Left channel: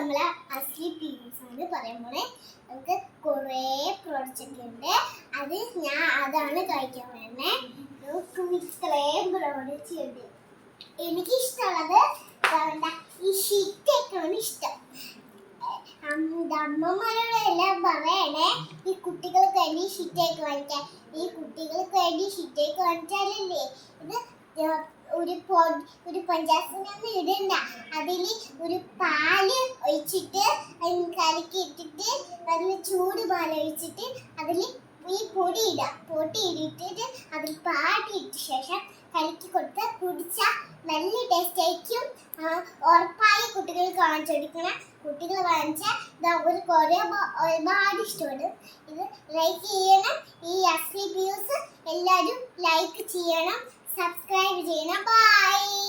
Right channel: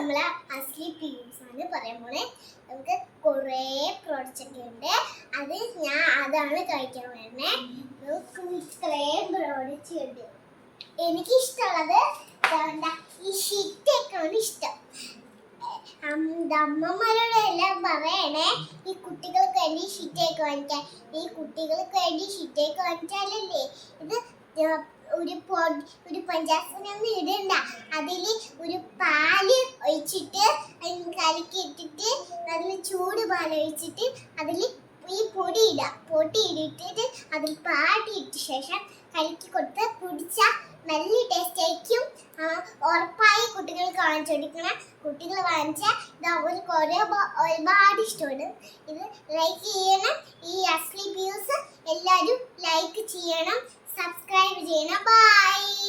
നമ്മളെ അസ്ലി പീസ് ആണ് പറയാൻ പോണേ. നമുക്ക് കുറേ പ്രോഡക്റ്റ് ഉണ്ട്. അതാണ് കഴിക്കാൻ വേണ്ടേ. നമുക്ക് ഇത്രയും പ്രോഡക്റ്റ് ഉണ്ട്. എനിക്ക് ഇഷ്ടമുള്ളത് ഈ ഷിറ്റൊക്കെയാണ് ഇഷ്ടം. അമ്മമാരോട് എല്ലാം പറയണേ, ഈ കുട്ടികൾക്ക് വേണ്ടി ഷിറ്റേക്ക് വാങ്ങിക്കാൻ. ഈ കുട്ടികൾക്ക് വേണ്ടി ഷിറ്റേക്ക് വാങ്ങിച്ചാലല്ലേ ഇത് ഒരു പഞ്ചായത്തിനൊന്നും ഇടണ്ട. അതിൽ ഒരു പാല് ഒഴിച്ചിട്ട് കലക്കി ഇട്ടിട്ട് അതിൽ ചൂട് പാൽ ഒഴിച്ചിട്ട് അതിൽ ഈ പൊടി ഇട്ടിട്ട് അതിൽ പാടിയിട്ട ശേഷം കലക്കി കൊടുത്ത് കുടിച്ചാൽ നല്ല ടേസ്റ്റ് ആയിരിക്കും. ഉറപ്പായി കുട്ടികൾക്ക് വാങ്ങിച്ചു കൊടുക്കണം. കുട്ടികൾ വാങ്ങിച്ചാൽ അവർക്ക് ഒരുപാട് ഇഷ്ടപ്പെടും. ഇത് ലൈക്ക് ചെയ്യണം. ഈ അസ്ലി വ്യൂസ് എല്ലാവരും ലൈക്ക് ചെയ്യണം, സബ്സ്ക്രൈബ് ചെയ്യണം. ബൈ.